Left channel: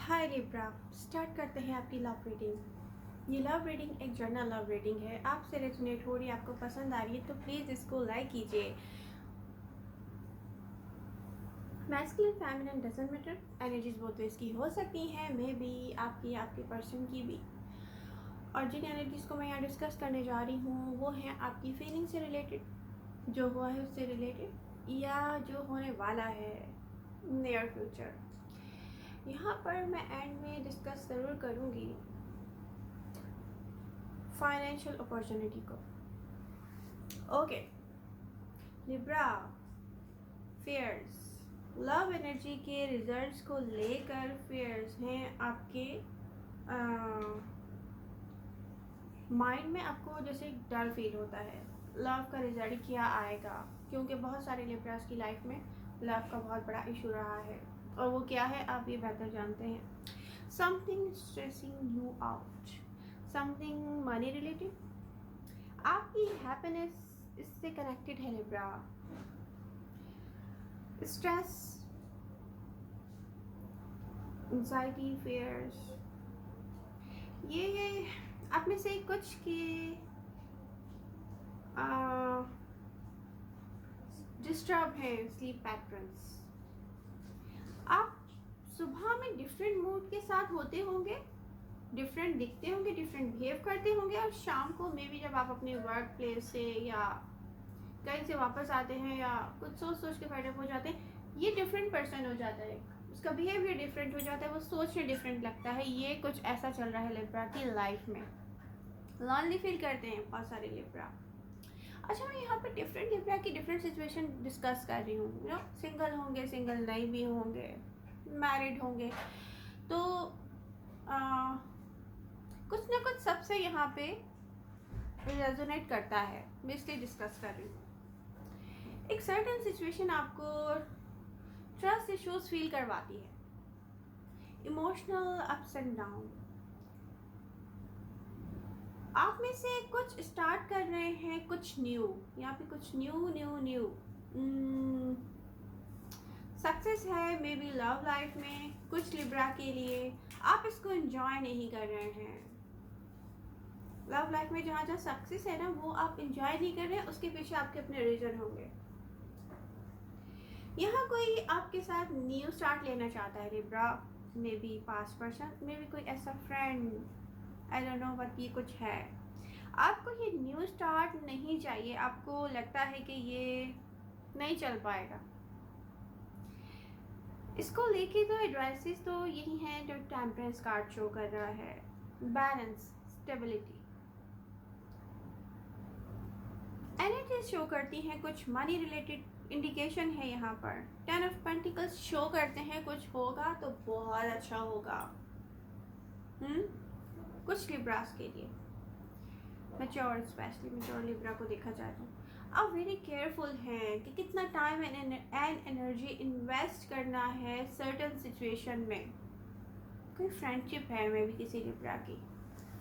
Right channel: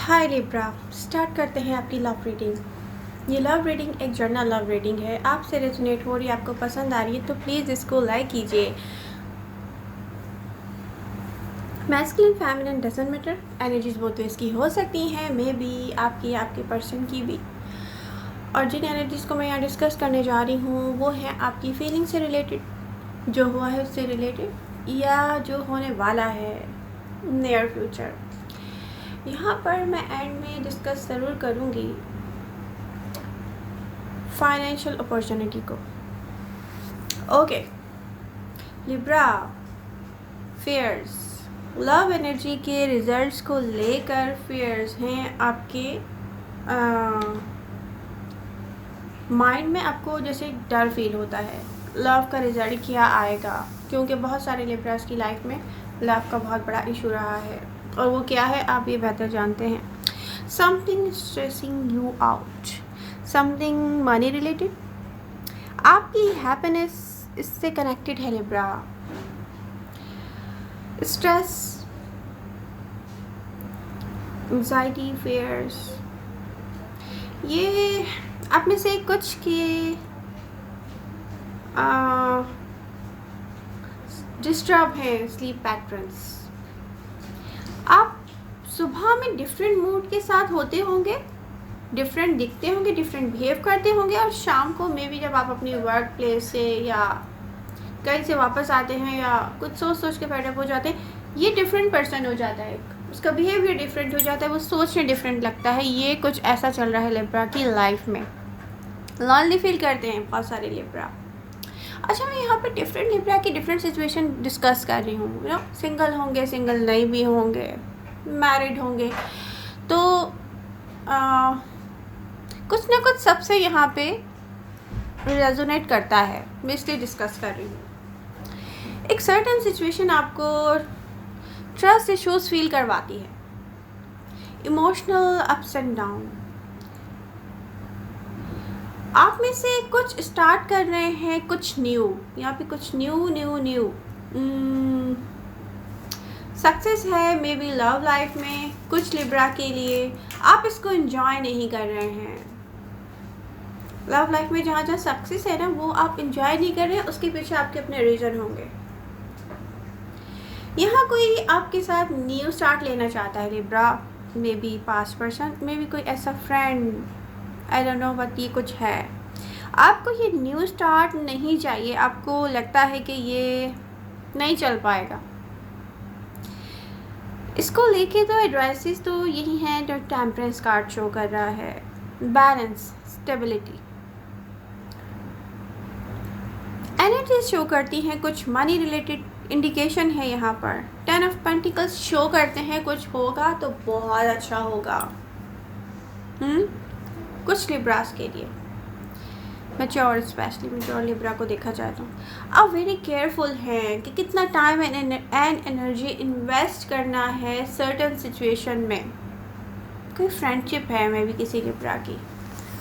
हाय Libra. Start करते हैं अपनी लव रीडिंग। ये लव रीडिंग एक जर्नल लव रीडिंग है। आपसे रेजोनेट हो रही है, आपको पसंद आ रही है तो प्लीज़ इसको लाइक कीजिए। Masculine feminine doesn't matter, energies बहुत तो इसकी हो सकती हैं, मे बी आपकी आपके पर्सन की भी। और जिन एनर्जीज़ को मैं यहाँ डिस्कस करने जा रही हूँ वो है आपकी फीलिंग से रिलेटेड, जो हुआ है उससे रिलेटेड, या जो होने वाला है नियर फ्यूचर। यहाँ पर मैं एंड में डिस्कस ज़रूर करूँगी फाइनेंशियल अपॉर्चुनिटी को। Okay Libra, fairs, love energy के रिजल्ट्स को लेकर फेयर्स हैं आपके माइंड में। आपको जैसे डर फील होता है लव का रिजल्ट क्या आएगा, क्योंकि बहुत सारे लिब्रास की लाइफ में लव का बहुत बड़ा इशू रहा है, और वो क्या है आप ये बेहतर जानते हैं। Something stressing you out, something money related, आपकी हैप्पीनेस इससे कनेक्टेड है लिब्रा। स्ट्रेस, एंजाइटी, फेयर्स, ये आप में से कुछ के डिस्टर्ब हैं स्लीप पैटर्न्स। आप सुबह में डिफरेंट मूड के साथ होते होंगे, डिफरेंट दिखते होंगे, डिफरेंट बिहेव करते होंगे, और शाम को मे बी जब आप अपनी वर्क प्लेस से या कहीं से वापस आते हैं या कुछ सोच सोच के फेडअप हो जाते हैं, ये डिफरेंट पर्सन हो जाता है, उसका बिहेवियर डिफरेंट हो जाता है, वो सोचने डिफरेंट लगता है। ये कुछ ऐसा चल रहा है लिब्रा की लाइफ में। लॉन्ली फील करते हैं बहुत सारे लिब्रा। अच्छा, मैं यहाँ पे डिफरेंट लिब्रा की डिफरेंट सिचुएशन डिस्कस कर रही हूँ। यू नो, सिंगल होंगे, सिंगल नहीं भी होंगे, मैरिड होंगे, तो कुछ ना कुछ सबसे यहाँ पे रेजोनेट करता है, मैं इसलिए डिस्कस कर रही हूँ। एक सर्टेन सिचुएशन आपको ट्रस्ट इश्यूज फील करवाती है, इमोशनल अप्स एंड डाउन। आप में से कुछ स्टार्ट कर रहे हैं कुछ न्यू, यहाँ पे कुछ न्यू सक्सेस है मे बी लव लाइफ में कुछ लिब्रा के लिए। आप इसको एंजॉय नहीं कर रहे हैं। लव लाइफ में जहाँ जहाँ सक्सेस है ना, वो आप एंजॉय नहीं कर रहे हैं, उसके पीछे आपके अपने रीज़न होंगे। यहाँ कोई आपके साथ न्यू स्टार्ट लेना चाहता है Libra, may be past person, may be कोई ऐसा friend, I don't know, but ये कुछ है। आपको ये न्यू स्टार्ट नहीं चाहिए, आपको लगता है कि ये नहीं चल पाएगा। इसको लेके तो एडवाइसेस तो यही हैं जो टेम्परेंस कार्ड शो कर रहा है, बैलेंस, स्टेबिलिटी। एनर्जी शो करती हैं कुछ मनी रिलेटेड इंडिकेशन है यहाँ पर। 10 ऑफ पेंटिकल्स शो करते हैं कुछ होगा तो बहुत अच्छा होगा कुछ लिब्रास के लिए, मैच्योर, स्पेशली मैच्योर लिब्रा को देखा जाए तो अब वेरी केयरफुल हैं कि कितना टाइम एंड एनर्जी इन्वेस्ट करना है सर्टेन सिचुएशन में। कोई फ्रेंडशिप है मे भी किसी लिब्रा की,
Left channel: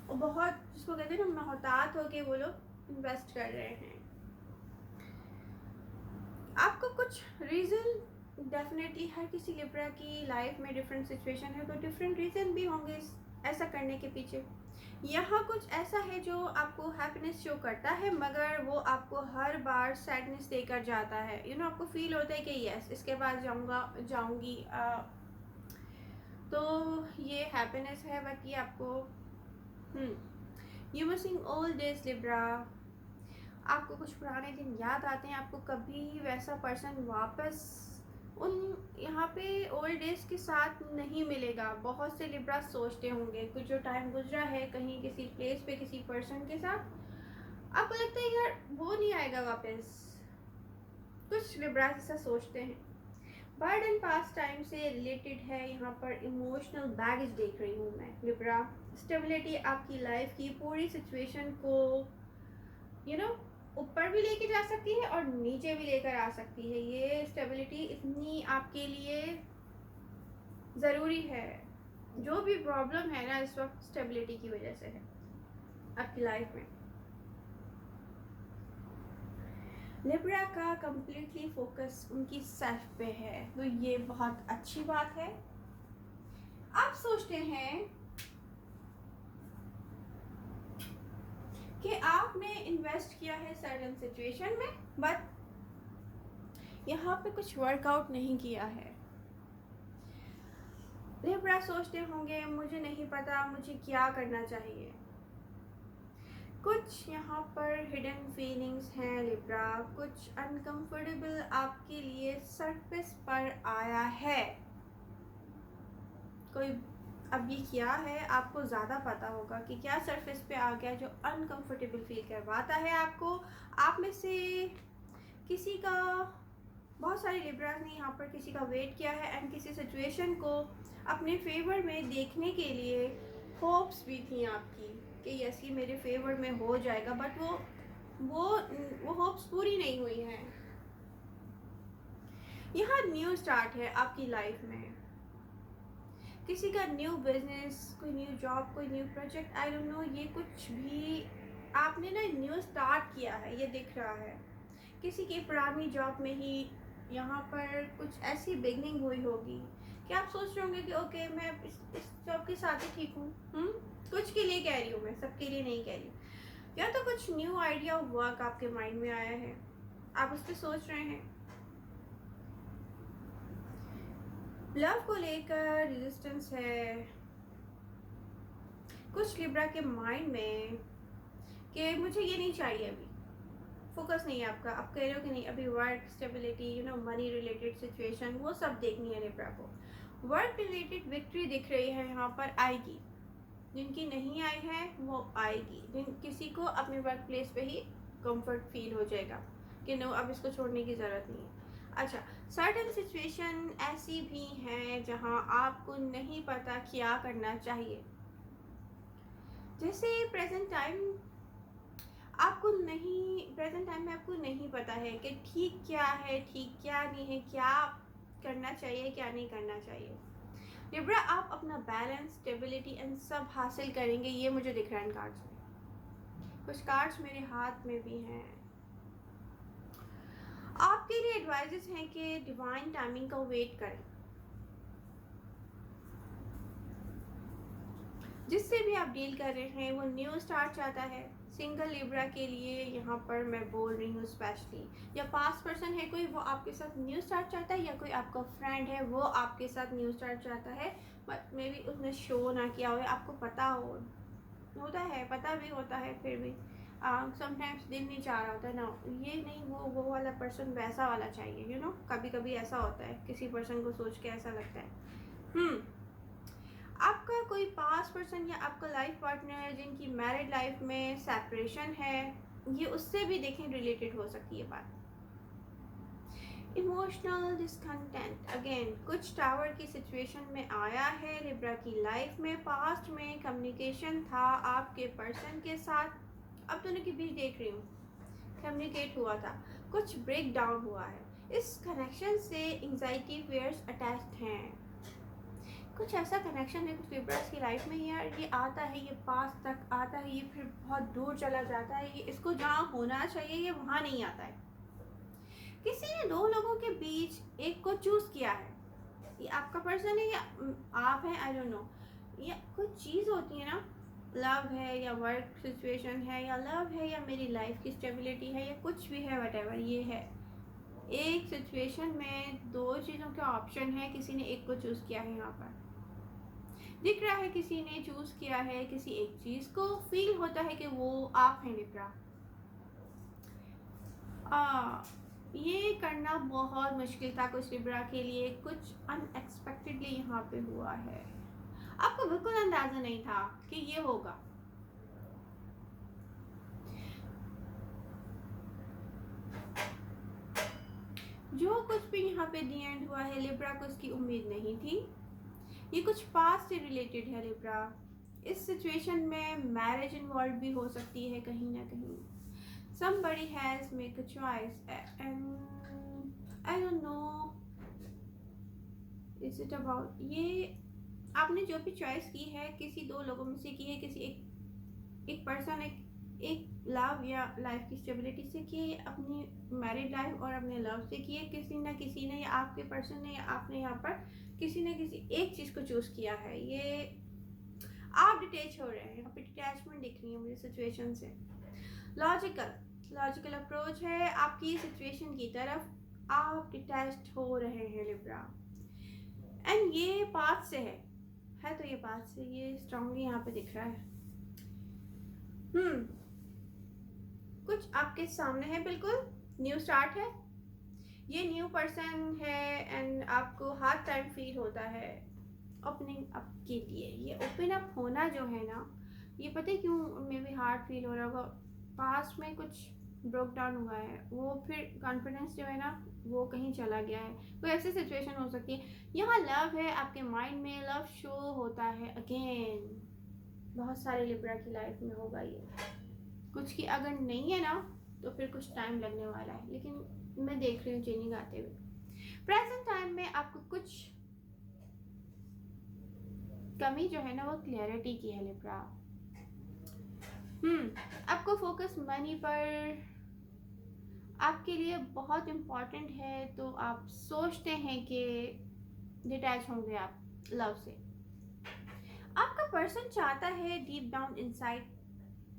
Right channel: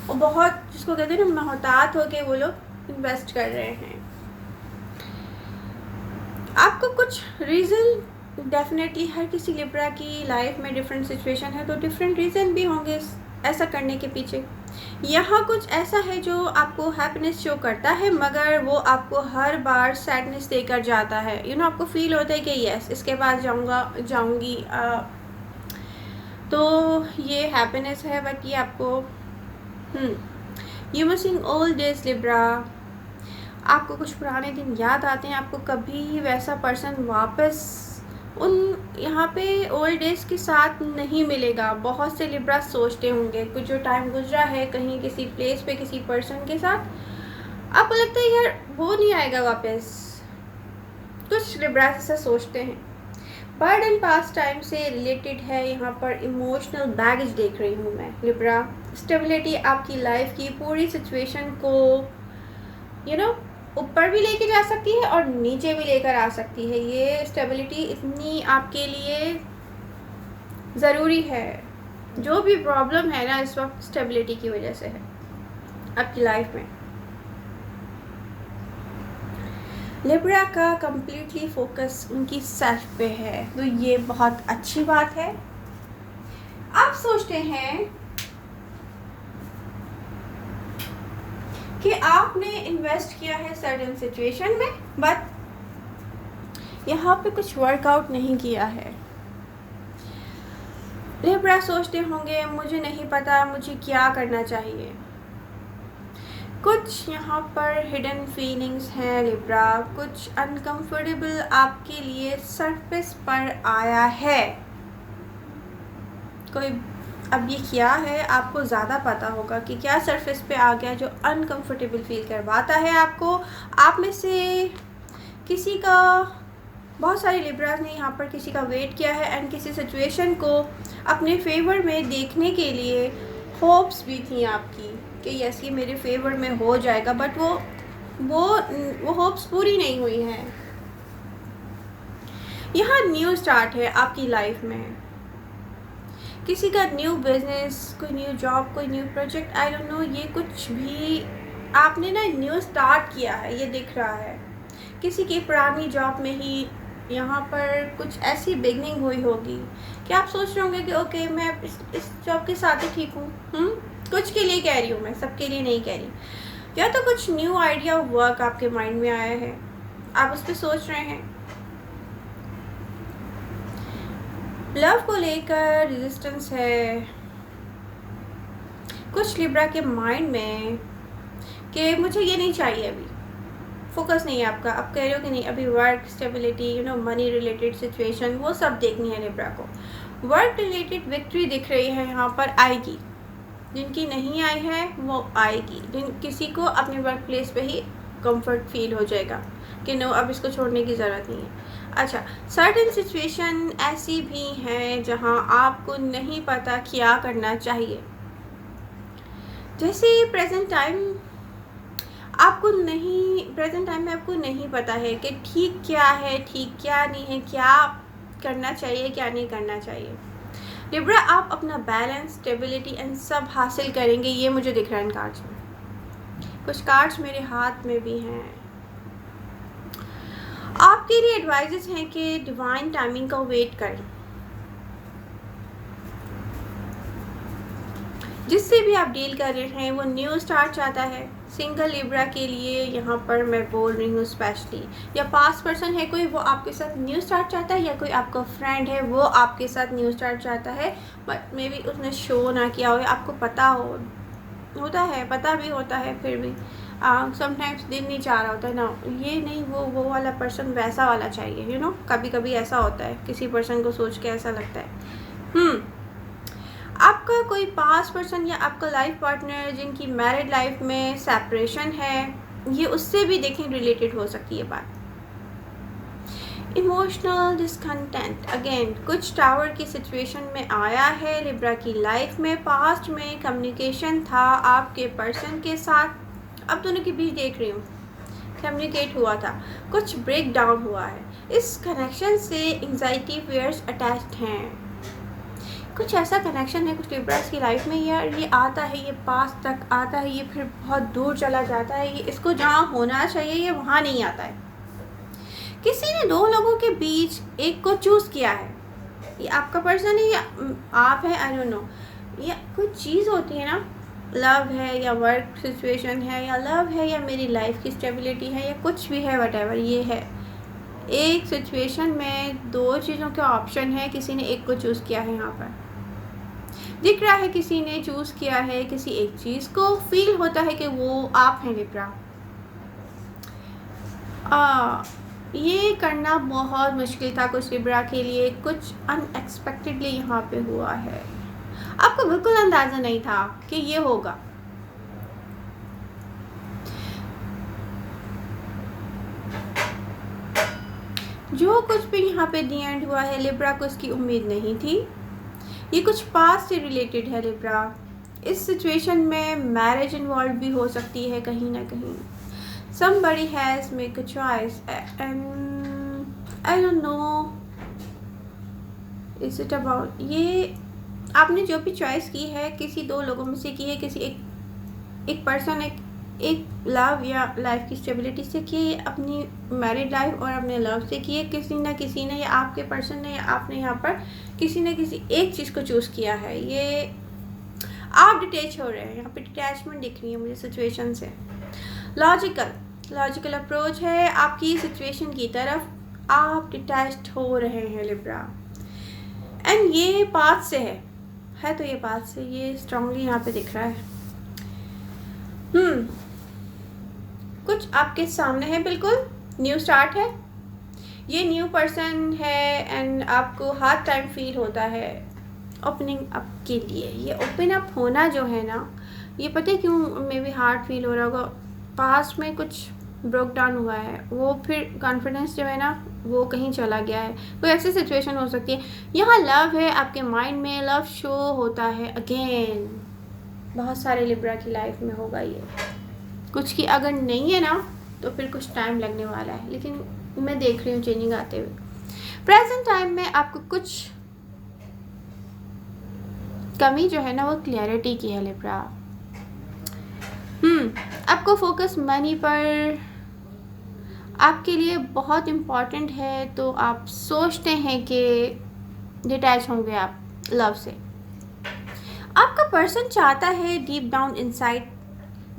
वो बहुत, जिसको कहते हैं ना, मोहतात हो के वो लोग इन्वेस्ट कर रहे हैं। आपको कुछ रीज़न डेफिनेटली हर किसी लिब्रा की लाइफ में डिफरेंट सिचुएशन है, तो डिफरेंट रीज़न भी होंगे ऐसा करने के पीछे। यहाँ कुछ ऐसा है जो आपको हैप्पीनेस शो करता है, मगर वो आपको हर बार सैडनेस देकर जाता है। यू नो, आपको फील होता है कि यस, इसके बाद जाऊँगी, तो ये हैप्पीनेस है, बट ये आपको you missing old days Libra. आपको कुछ पुराने दिन याद आते हैं, आपको कभी वैसा पर्सन वापस उन यहाँ पे ओल्ड डेज के साथ नहीं मिलेगा। बहुत से लिब्रा सोचते होंगे कुछ जो टाइम गुजरा है कहीं किसी प्लेस पे किसी पर्सन के साथ, आपको लगता है यार वो नहीं आएगा वापस। कुछ लिब्रा ऐसा सोचते हैं। बर्ड एंड पास्ट टाइम से रिलेटेड है यहाँ पर। इमोशनल बैगेज देख रही हूँ मैं लिब्रा। स्टेबिलिटी आपकी लाइफ की पूरी सिचुएशन को यू नो ऊपर भी लेके जा सकती है और नीचे भी लेकर आ सकती है। ये स्टेबिलिटी इतनी आपके लिए ज़रूरी है। जो भी प्रॉब्लम है ना इस वक्त, स्टेबिलिटी की वजह से है आपकी लाइफ में। लिब्रा का कंप्लीटली फोकस उनकी सेल्फ पे है, तो ये बहुत अच्छी बात है। आप सोचते हैं कि आपने इन्वेस्ट किया है सर्टेन सिचुएशन में, बट यहाँ पे कुछ वर्कआउट नहीं किया है। लिब्रा सोचते होंगे मुझे नहीं पता मुझे क्या करना चाहिए। कुछ यहाँ पर हिडन फीलिंग्स हैं लिब्रा, कुछ अनकंफर्टेबल आपके लिए सरफेस पर आया है। कोई अब ये क्या है आपको ज़्यादा पता होगा कि क्या सरफेस पे आ गया जो अनकंफर्टेबल फील करवाता है आपको। आप में से किसी का, बहुत सारे लिब्रास ने यहाँ पर किसी का वेट किया है एंड किसी सिचुएशन को अपने फेवर में देखने के लिए होप्स भी थी आपकी कि यस ये मेरे फेवर में हो जाएगा, बट वो होप्स पूरी नहीं हुई हैं। यहाँ न्यू स्टार्ट है आपकी लाइफ में, किसी का न्यू बिजनेस, कोई न्यू जॉब, कोई new project, I don't know, ये कुछ भी आपने ना न्यू स्टार्ट किया है, ये दिख रहा है। किसी की पुरानी जॉब में ही यहाँ पर कुछ ऐसी बिगनिंग हुई होगी कि आप सोच रहे होंगे कि ओके मैं इस जॉब के साथ ही ठीक हूँ। कुछ के लिए कह रही हूँ मैं, सबके लिए नहीं कह रही। या तो कुछ न्यू आइडिया ऑफ वर्क आपके माइंड में आया है, आप उस पर सोच रहे हैं। लव को लेकर रेजिस्टेंस है कुछ लिब्रा के माइंड में कि मुझे ये नहीं चाहिए, अभी फोकस नहीं है आपका। आप कह रहे हो कि नहीं अभी work stability, money related situation वो सब देखनी है लिब्रा को। वर्क रिलेटेड विक्ट्री दिख रही है यहाँ पर, आएगी। जिनकी नहीं आई है वो आएगी। किसी को अपने वर्क प्लेस पे ही कंफर्ट फील हो जाएगा कि नो अब इसको छोड़ने की ज़रूरत नहीं है। अच्छा, सर्टेन सिचुएशन ऐसी भी हैं जहां आपको नहीं पता क्या करना चाहिए। जैसे प्रेजेंट टाइम में आपको नहीं पता है कि ठीक क्या है, ठीक क्या नहीं है, क्या करना चाहिए, क्या नहीं करना चाहिए। लिब्रा आप अपना बैलेंस, स्टेबिलिटी एंड सब हासिल करेंगे, ये मुझे दिख रहा है इन कार्ड्स में। कुछ कार्ड्स मेरे हाथ में भी हैं। आपके लिए एडवाइजेस हैं कि डिवाइन टाइमिंग का वेट करें। जिससे भी आप डील कर रहे हैं वो न्यू स्टार्ट चाहता है। सिंगल लिब्रा के लिए यहाँ पर मैं बोल रही हूँ स्पेशली, या पास्ट पर्सन है कोई, वो आपके साथ न्यू स्टार्ट चाहता है, या कोई आपका फ्रेंड है वो आपके साथ न्यू स्टार्ट चाहता है, बट मे बी उसने शो ना किया हो, आपको पता होता है, पता भी होता है, फिर भी समटाइम्स दिल नहीं चाह रहा होता है ना, ये नहीं वो वाला पर्सन वैसा वाला चाहिए। कभी कभी ऐसा होता है, किसी पर्सन को सोच के ऐसा लगता है। आपका कोई पास्ट पर्सन या आपका लाइफ पार्टनर जिनकी मैरिड लाइफ में सेपरेशन है, ये उससे भी देखें रिलेटेड हो सकती है बात। इमोशनल डिसकंटेंट अगेन कुछ टावर की सिचुएशन में आया है लिब्रा की लाइफ में। पास्ट में कम्युनिकेशन था आपके पर्सन के साथ, अब दोनों के बीच देख रही हूँ कम्युनिकेट हुआ था, कुछ ब्रेक डाउन हुआ है। इस कनेक्शन से एंजाइटी फेयर्स अटैच्ड हैं। कुछ ऐसा कनेक्शन है कुछ लिब्रास की लाइफ में, यार ये आता है, ये पास तक आता है, ये फिर बहुत दूर चला जाता है, ये इसको जहाँ होना चाहिए ये वहाँ नहीं आता है। किसी ने दो लोगों के बीच एक को चूज़ किया है, ये आपका पर्सन है या आप है, आई डोंट नो। या कुछ चीज़ होती है ना, लव है या वर्क सिचुएशन है, या लव है या मेरी लाइफ की स्टेबिलिटी है, या कुछ भी है, व्हाटएवर ये है। एक सिचुएशन में दो चीज़ों के ऑप्शन है, किसी ने एक को चूज़ किया है। यहाँ पर दिख रहा है किसी ने चूज़ किया है किसी एक चीज़ को, फील होता है कि वो आप हैं लिब्रा। ये करना बहुत मुश्किल था कुछ लिब्रा के लिए, कुछ अनएक्सपेक्टेडली यहाँ पे हुआ है, आपको बिल्कुल अंदाज़ा नहीं था कि ये होगा। जो कुछ भी यहाँ पे दी एंड हुआ है लिब्रा को इसकी उम्मीद नहीं थी। ये कुछ पास्ट से रिलेटेड है लिब्रा। इस सिचुएशन में मैरिज इन्वॉल्व भी हो सकती है कहीं ना कहीं। somebody has make a choice and I don't know is it about, ये आपने जो भी चॉइस की है किसी दो लोगों में से की है, किसी एक पर्सन एक लव या लाइफ की स्टेबिलिटी से किए, अपनी मैरिड लाइफ और अपने लव से किए। किसी ना किसी ने, या आपके पर्सन ने, या आपने यहाँ पर किसी न किसी एक चीज़ को चूज़ किया है। ये आप डिटैच हो रहे हैं, यहाँ पे डिटैचमेंट दिख रही है मुझे सिचुएशन से। लॉजिकल अप्रोच है आपकी सिचुएशन की तरफ, आप डिटैच्ड हो रहे हैं लिब्रा। एंड ये पाथ से है तो ये पाथ से ये स्ट्रांगली यहाँ पे दिख रहा है। कुछ आपके सामने है, बिल्कुल न्यू स्टार्ट है, ये न्यू पर्सन है एंड आपको हार्ड टाइम फील होता है ओपनिंग अप के लिए। ये ओपन अप होना जो है ना, ये पता है क्यों मे बी हार्ड फील हो रहा होगा, पास्ट में कुछ ब्रोक डाउन हुआ है, वो फिर कॉन्फिडेंस जो है ना वो कहीं चला गया है, कोई ऐसी सिचुएशन हो सकती है। यहाँ लव है, आपके माइंड में लव शो होता है अगेन, बहुत सारे लिब्रा की लाइफ में होगा ये। कुछ की अगर नहीं है ना तो फिर कुछ टाइम लगने वाला है, लेकिन मैं देख रही हूँ चेंजिंग आते हुए। प्रेजेंट टाइम में आपको कुछ कमी जो है ना वो क्लैरिटी की है लिब्रा। आपको फोकस मनी पर आपके लिए बहुत इम्पॉर्टेंट है, तो आप सोचते हैं कि डिटैच होंगे आप लव से। आपका पर्सन चाहता है deep down inside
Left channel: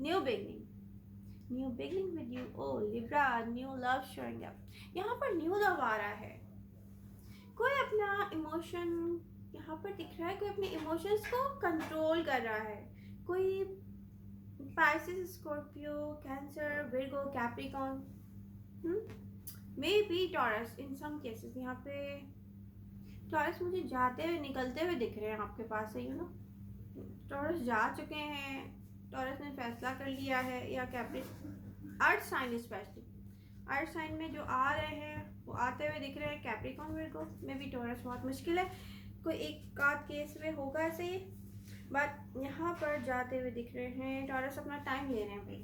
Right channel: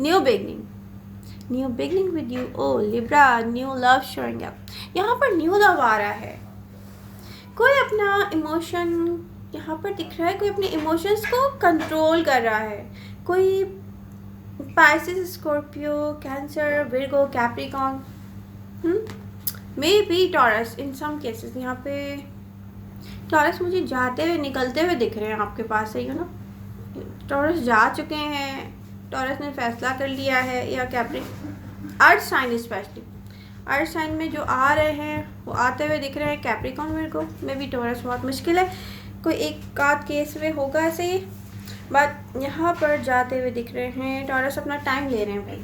new beginning with you. Oh Libra, new love showing up, यहाँ पर न्यू लव आ रहा है। कोई अपना इमोशन यहाँ पर दिख रहा है, कोई अपने इमोशंस को कंट्रोल कर रहा है। कोई Pisces, Scorpio, Cancer, Virgo, Capricorn, may be Taurus in some cases. यहाँ पे टॉरस मुझे जाते हुए निकलते हुए दिख रहे हैं आपके पास से, टॉरस जा चुके हैं, टॉरस ने फैसला कर लिया है। या earth sign, specially earth sign में जो आ रहे हैं वो आते हुए दिख रहे हैं। कैप्रिकॉन, विर्गो में भी टॉरस बहुत मुश्किल है, कोई एक आध केस में होगा ऐसे ही, बट यहाँ पर जाते हुए दिख रहे हैं। टॉरस अपना टाइम ले रहे हैं भाई।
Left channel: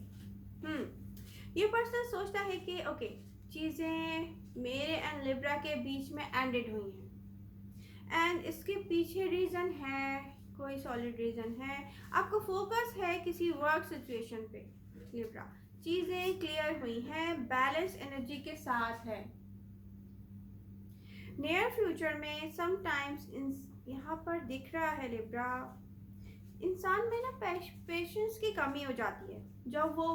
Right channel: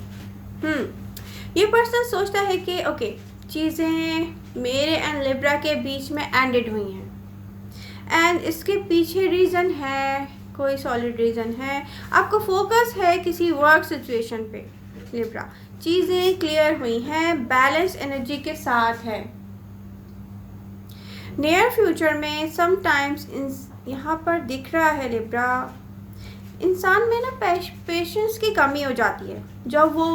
ये पर्सन सोचता है कि ओके चीज़ें मेरे एंड लिब्रा के बीच में एंडेड हुई हैं एंड इसके पीछे रीज़न है, कोई सॉलिड रीज़न है। आपको फोकस है किसी वर्क सिचुएशन पे लिब्रा, चीज़ें क्लियर हुई हैं, बैलेंस एनर्जी के साथ है। नियर फ्यूचर में समटाइम्स यहाँ पर दिख रहा है लिब्रा, इंसान में ना पेशेंस की कमी हो जाती है। जब वो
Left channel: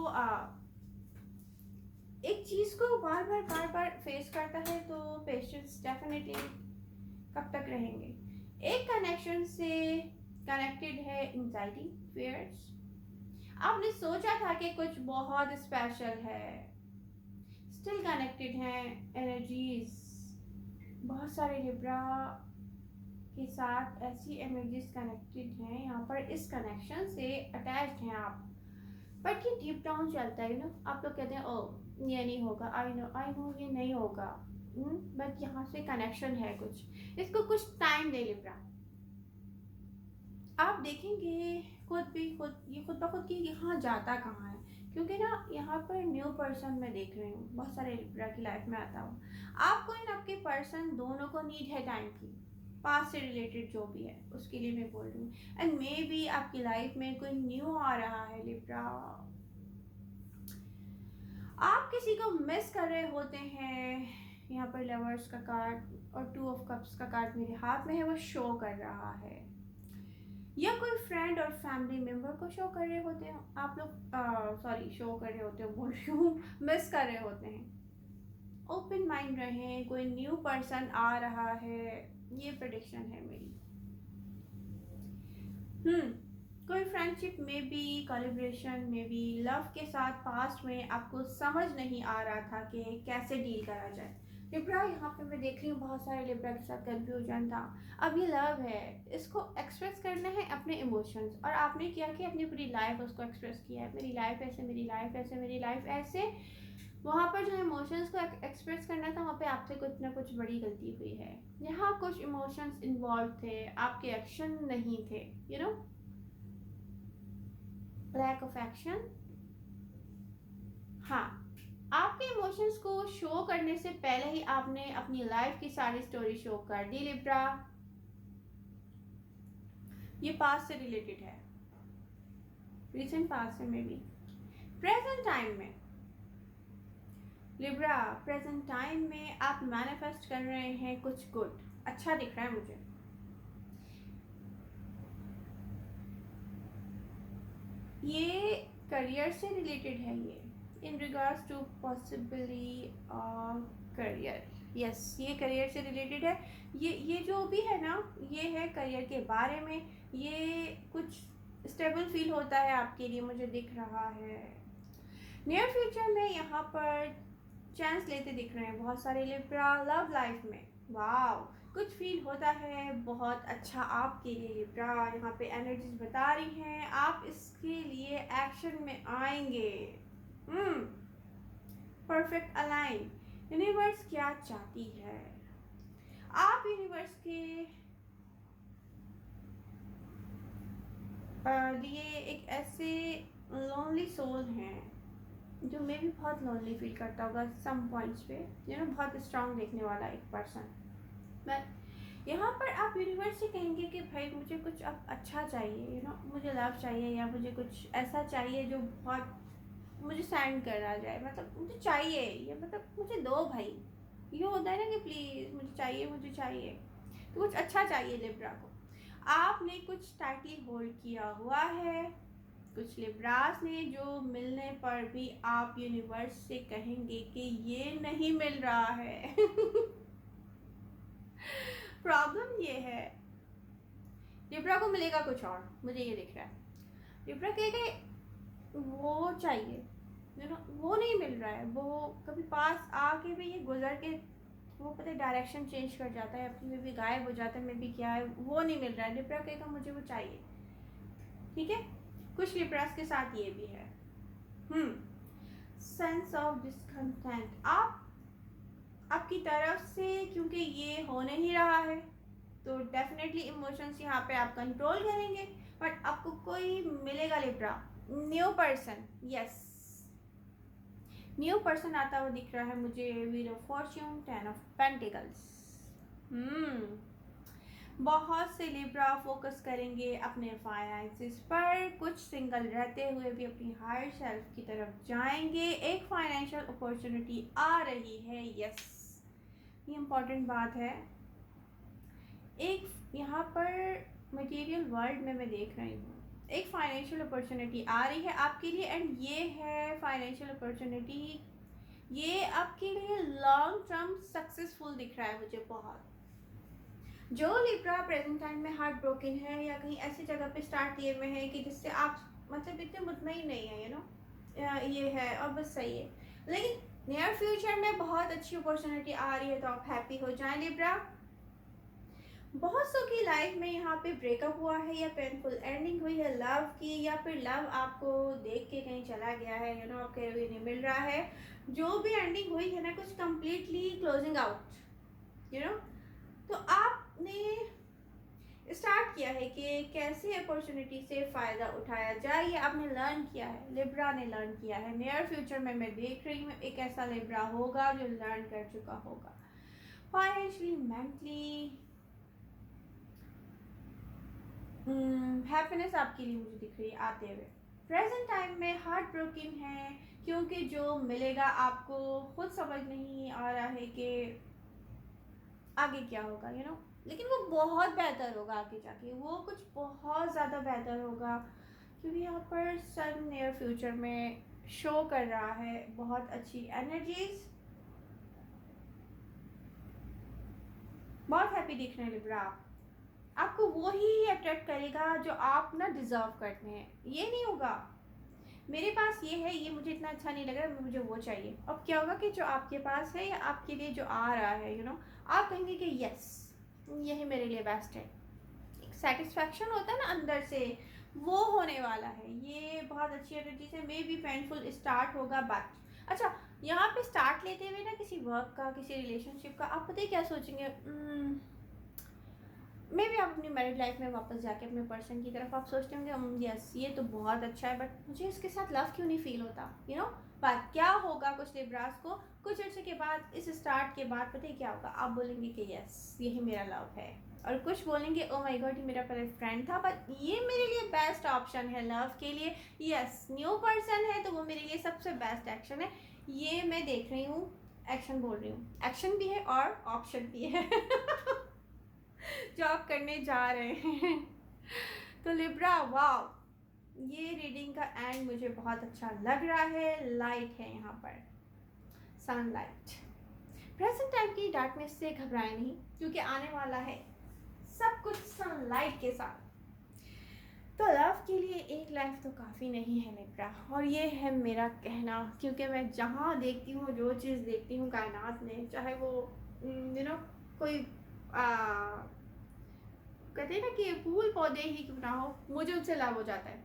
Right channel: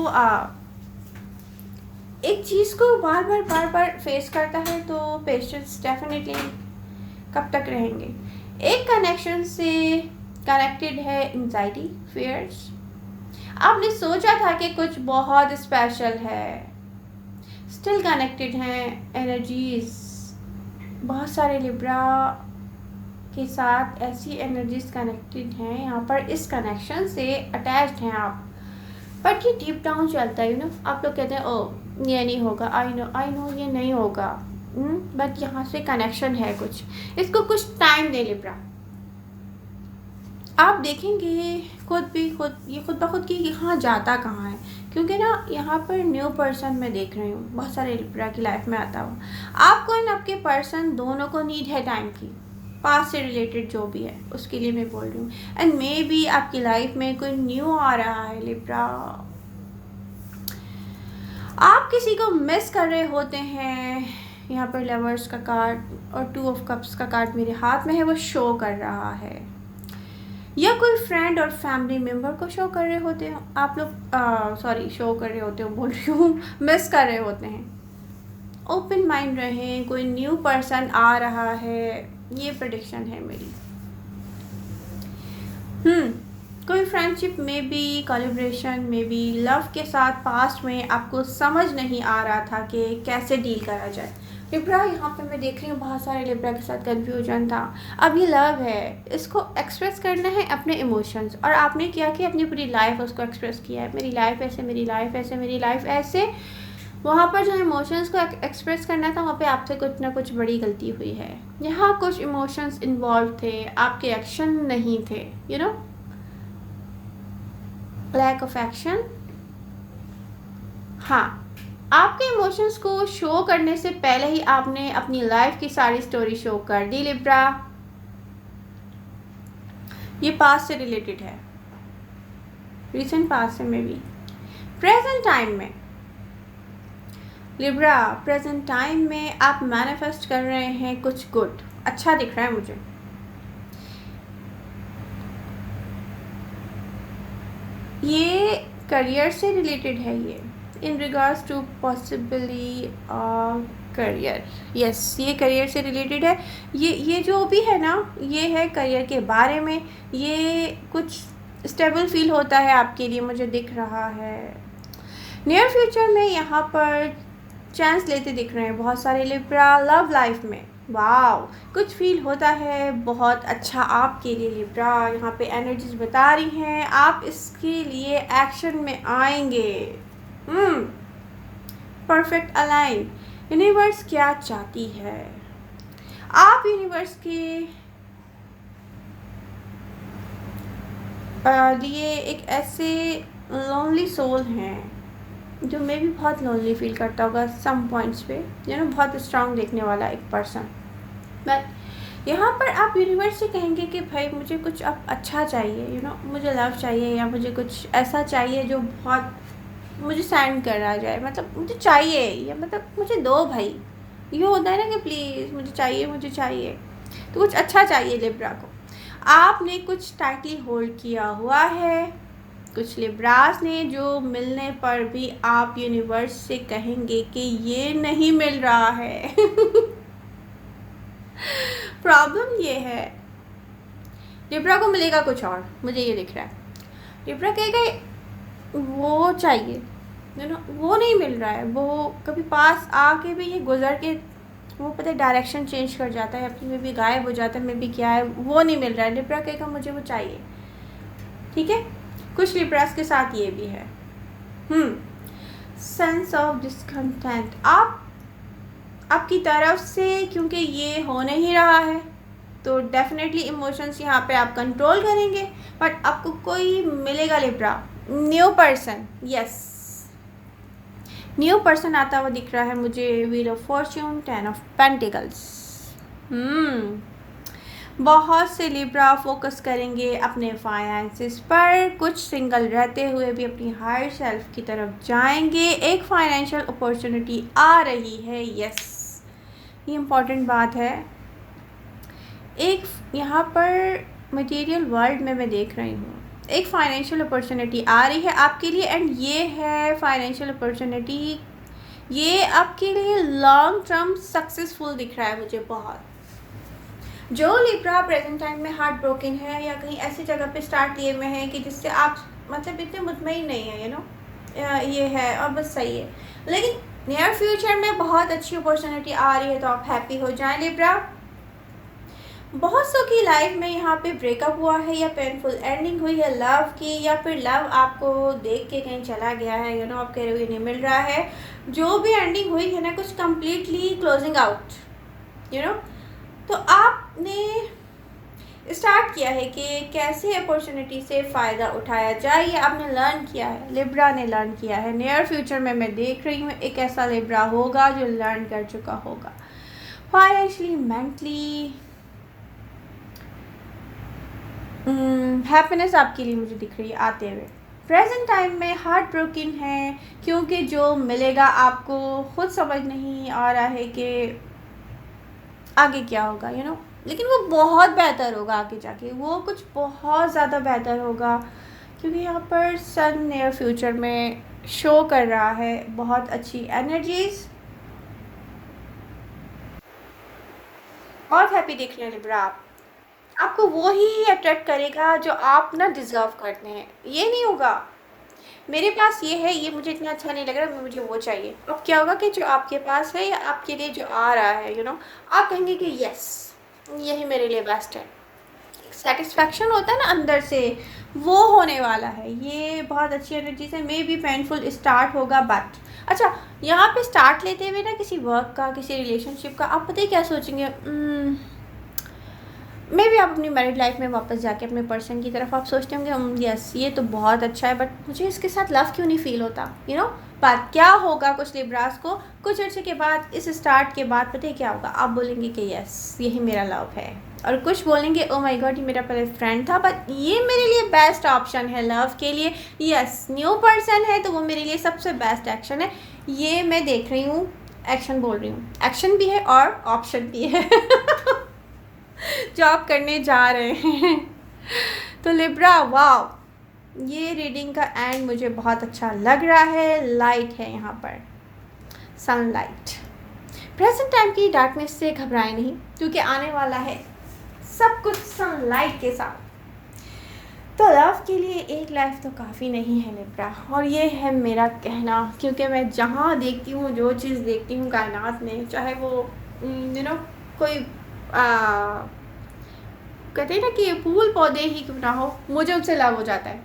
एक चीज़ को बार बार फेस करता है तो पेशेंस डेफिनेटली कब तक रहेंगे। एक कनेक्शन से कनेक्टेड है एंजाइटी, फियर्स। आपने सोचा था कि कुछ बहुत स्पेशल है, स्टिल कनेक्टेड हैं एनर्जीज। बहुत सारे लिब्रा के साथ ऐसी एनर्जीज कनेक्टेड हैं यहाँ पर, इस कनेक्शन से अटैच्ड हैं आप, बट ये डीप डाउन चलता है। आप लोग कहते हैं ओ ये नहीं होगा, आई नो ये नहीं होगा, बट यहाँ से कनेक्शन है कुछ, इसको कुछ टाइम दे लिब्रा। आप देखेंगे खुद ब खुद कि यहाँ जाता कहाँ है, क्योंकि ना यहाँ पर न्यू पर्सन मैं देख रही हूँ बहुत सारे लिब्रा की लाइफ में आता हुआ। आपको एंड आपके पर्सन दोनों को नीड है टाइम की, पास से रिलेटेड जो भी है उसके लिए मैं बोल रही हूँ। एंड मे बी आपकी लाइफ में कोई न्यू आ रहा है लिब्रा, आप किसी को मिस कर रहे होते हैं। यहाँ पर लवर्स का कार्ड और 2 ऑफ कप्स का कार्ड मेरे हाथ में है, वो शो कर रहा है, या कोई फ्रेंड और फैमिली मेम्बर को शो कर रहे होते हो आप लोग, शो कर रहे होते हो बोल रही हूँ, मिस कर रहे होते हैं। ओपन माइंड रहें, कोई न्यू पर्सन आ रहा है, ये प्रेडिक्शन है मेरी। कोई फ्रेंडशिप में भी, कोलैबोरेशन में भी, लव के साथ पास्ट में आपको समझ नहीं आ रहा था कि कैसे डील करा जाए। लिब्रा यहाँ पे मैं देख रही हूँ बहुत सारे लिब्रा के साथ कंफ्यूजन था। अब ये लव है, इसको एक्सप्रेस करना है अपने इमोशंस, और आपने क्या कि अपनी पूरी लाइफ उसको एक्सप्रेस किया है, मेरी लाइफ ऐसे, मेरी लाइफ ऐसे, मेरी लाइफ ऐसे। वहाँ पर जो इमोशंस को एक्सप्रेस करना था वहाँ पे आपसे कुछ ना कुछ बड़ी गलती हुई है। यहाँ कुछ इमोशंस इन्वॉल्व थे, आपके एक्शन नहीं थे, लैक ऑफ एक्शन। हाँ, आपके इमोशंस को शो करने से पहले ही आपने अपनी लाइफ की सारी स्टोरी शो कर दी लिब्रा। ये पास्ट से रिलेटेड है, रिसेंट पास्ट से में भी प्रेजेंट टाइम में लिब्रा, प्रेजेंट टाइम में आप मैनिफेस्ट कर रहे हैं कुछ गुड, अच्छा दिख रहा है मुझे। ये करियर से रिलेटेड है, ये in regards to possibly career. Yes, ये करियर से रिलेटेड है। ये जो भी है ना, ये है करियर के बारे में। ये कुछ स्टेबल फील होता है आपके लिए, मुझे दिख रहा है। नियर फ्यूचर में यहाँ पर चांस लेते दिख रहे हैं बहुत सारे लिब्रा लव लाइफ में। वाव, कुछ फील होता है बहुत अच्छा आपके लिए लिब्रा। यहाँ पे एनर्जीज बता रही हैं आप इसके लिए एक्शन में आएंगे। Perfect align. यूनिवर्स क्या चाहती है? आप यूनिवर्स के लिए एक ऐसे लोनली सोल हैं जो मैं भी बहुत लोनली फील करता होगा सम पॉइंट्स पे, बहुत स्ट्रांग देखने वाला एक पर्सन। बट यहाँ पर आप यूनिवर्स से कहेंगे कि भाई मुझे कुछ अब अच्छा चाहिए, मुझे लव चाहिए, या मुझे कुछ ऐसा चाहिए जो बहुत मुझे सेंड करा जाए, मतलब मुझे चाहिए, या मतलब मुझे दो भाई। ये होता है ना कि प्लीज़ मुझे चाहिए। तो कुछ अच्छा चाहिए लिब्रा को। आपने कुछ टाइटली होल्ड किया हुआ है, कुछ लिब्रास ने, जो मिलने पर भी आप यूनिवर्स से कहेंगे कि ये नहीं मिल रहा है। प्रॉब्लम ये है, लिब्रा को मिलेगा कुछ और, मुझे ये दिख रहा है। लिब्रा कहेगा वो चाहिए, वो नहीं मिल रहा है। वो कभी पास आके भी ये गुजर के वो पता है डायरेक्शन चेंज कर जाता है अपनी, में भी गायब हो जाता है, में भी क्या है, वो नहीं मिल रहा है। लिब्रा कहेगा मुझे वो चाहिए। ठीक है, कुछ लिब्रास के साथ ये भी है। सेंस ऑफ डिस्कंटेंट, आपकी तरफ से, क्योंकि ये हो नहीं रहा है तो डेफिनेटली इमोशंस यहाँ पे आप कंट्रोल करेंगे। बट आपको कोई मिलेगा Libra, new person. Yes, new person आता हुआ दिख रहा है मुझे। Wheel of Fortune, 10 of pentacles. बहुत से लिब्रा फोकस करेंगे अपने फाइनेंसेस पर, कुछ सिंगल रहते हुए भी अपनी हायर सेल्फ की तरफ जाएंगे। एक फाइनेंशियल अपॉर्चुनिटी आ रही है। यस, ये इम्पॉर्टेंट बात है। एक यहाँ पर मटेरियल वर्ल्ड में मैं देख रही हूँ एक फाइनेंशियल अपॉर्चुनिटी आ रही है आपके लिए, एंड ये है फाइनेंशियल अपॉर्चुनिटी, ये आपके लिए लॉन्ग टर्म सक्सेसफुल दिख रहा है मुझे बहुत। जो लिब्रा प्रेजेंट टाइम में हार्ट ब्रोकन है या कहीं ऐसी जगह पे स्टार्ट किए हुए हैं कि जिससे आप मतलब इतने मुतमईन नहीं है, ये है और बस सही है, लेकिन नियर फ्यूचर में बहुत अच्छी अपॉर्चुनिटी आ रही है, तो आप हैप्पी हो जाएं लिब्रा। बहुत सौ की लाइफ में यहाँ पे ब्रेकअप हुआ है या पेनफुल एंडिंग हुई है लव की, या फिर लव आपको देख के कहीं चला गया है, आप कह रहे हो नहीं मिल रहा है। जो भी एंडिंग हुई है ना, कुछ कम्प्लीटली क्लोजिंग आउट, तो आपने स्टार्ट किया है कि कैसे अपॉर्चुनिटी से फ़ायदा उठाया जाए, ये आपने लर्न किया है, लिब्रा ने लर्न किया है। नियर फ्यूचर में मैं देख रही हूँ एक ऐसा लिब्रा होगा जो लर्न कर चुका होगा। फाइनेंशियली, मेंटली हैप्पीनेस आपके लिए मुझे दिख रही है आते हुए। प्रेजेंट टाइम में हार्ट ब्रोकन है, क्योंकि जो मिलेगा आपको खुद समझ नहीं आ रहा है कि आगे क्या होगा, लेकिन वो बहुत बेहतर होगा आगे जाके, वो कुछ बहुत ज़्यादा बेहतर होगा, क्योंकि यहाँ पर सन नियर फ्यूचर में शो कर रहा है बहुत अच्छी एनर्जीज। बहुत हैप्पी दिख रहे हैं लिब्रा आप। आपको वो ही अट्रैक्ट करेगा जो आप ना डिज़र्व करते हैं। ये नहीं होगा मेरे पास ये है, ये मुझे इतना अच्छा नहीं लग रहा, मुझे वो चाहिए। अब क्या होगा कि जो आपके पास है या आपके लिए जो आ रहा है, आप कहेंगे कि यस यही मेरे लिए बेस्ट है। सेटिस्फैक्शन होता है ना अंदर से, वो होने वाला है। ये बहुत अच्छी एनर्जी से मे बी पेनफुल स्टार्ट होगा, बट अच्छा यहाँ पे स्टार्ट लेते हुए ना किसी वर्क का, किसी रिलेशनशिप का, आप पता ही क्या सोचेंगे, मे भी आप अपनी मैरिड लाइफ में वापस जाके अपने पर्सन की तरफ आप सोचते होंगे यस ये तो बहुत अच्छा है, बट मुझे इसके साथ लव क्यों नहीं फील होता, बात क्या होगा कुछ लिब्रास को कुछ अर्से के बाद, इस स्टार्ट के बाद पता है क्या होगा, आप बोलेंगे कि यस यही मेरा लव है, और कुछ बोलेंगे ओ माय गॉड ये मेरा पहले फ्रेंड था, बट ये मेरे लिए बेस्ट ऑप्शन है लव के लिए। यस, न्यू पर्सन है तो वो मेरे लिए सबसे बेस्ट एक्शन है। ये मैं देख रही हूँ, एक्शन बोल रही हूँ, एक्शन भी है और ऑप्शन भी है। जॉब करने जा रहे हैं। तो लिब्रा, वाओ, ये रीडिंग का एंड मुझे बहुत अच्छा लग रहा है। लाइट है यहाँ पर, सनलाइट। प्रेजेंट टाइम की डार्कनेस से घबराए नहीं, क्योंकि आने वाला है सब कुछ सनलाइट के साथ। तो लव के लिए एक लाइफ तो काफ़ी नहीं है लिब्रा, और ये है मेरा कहना, क्योंकि मैं जहाँ देखती हूँ, जो चीज़ देखती हूँ कायनात में, चाहे वो कोई कहते हैं ना कि फूल पौधे ही क्यों ना हो, मुझे उनसे लव हो जाता है।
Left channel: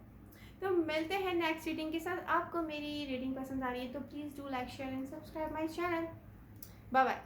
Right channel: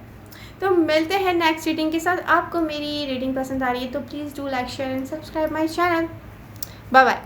तो मिलते हैं नेक्स्ट रीडिंग के साथ। आपको मेरी रीडिंग पसंद आ रही है तो please do like, share and subscribe my channel. Bye bye.